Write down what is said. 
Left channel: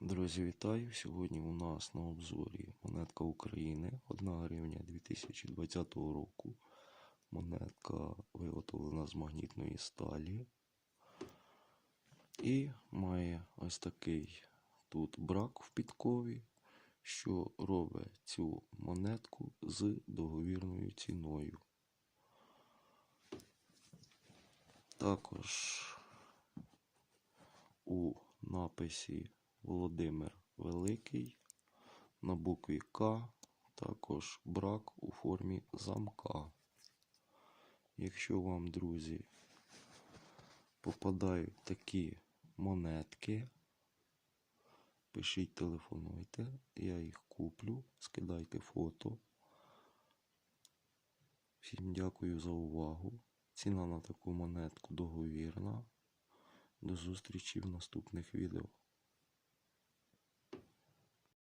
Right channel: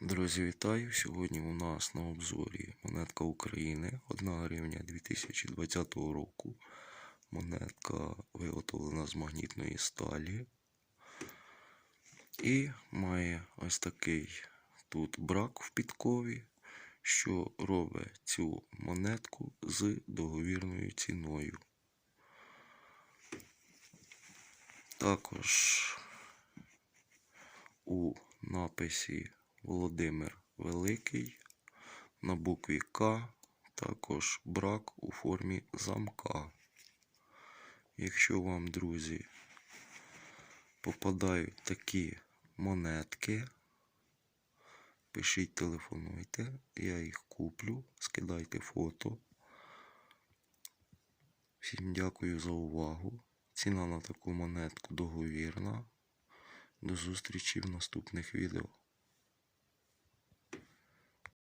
Друзі, вітаю! Сьогодні у нас на обзорі монетка України 1 гривня 2020 року. Монетка виготовлена з магнітної сталі. І має ось такий тут брак в підкові, що робить цю монетку з договірною ціною. Також у написі Володимир Великий на букві К також брак у формі замка. Якщо вам, друзі, попадають такі монетки, пишіть, телефонуйте, я їх куплю, скидайте фото. Всім дякую за увагу. Ціна на таку монетку договірна. До зустрічі в наступних відео.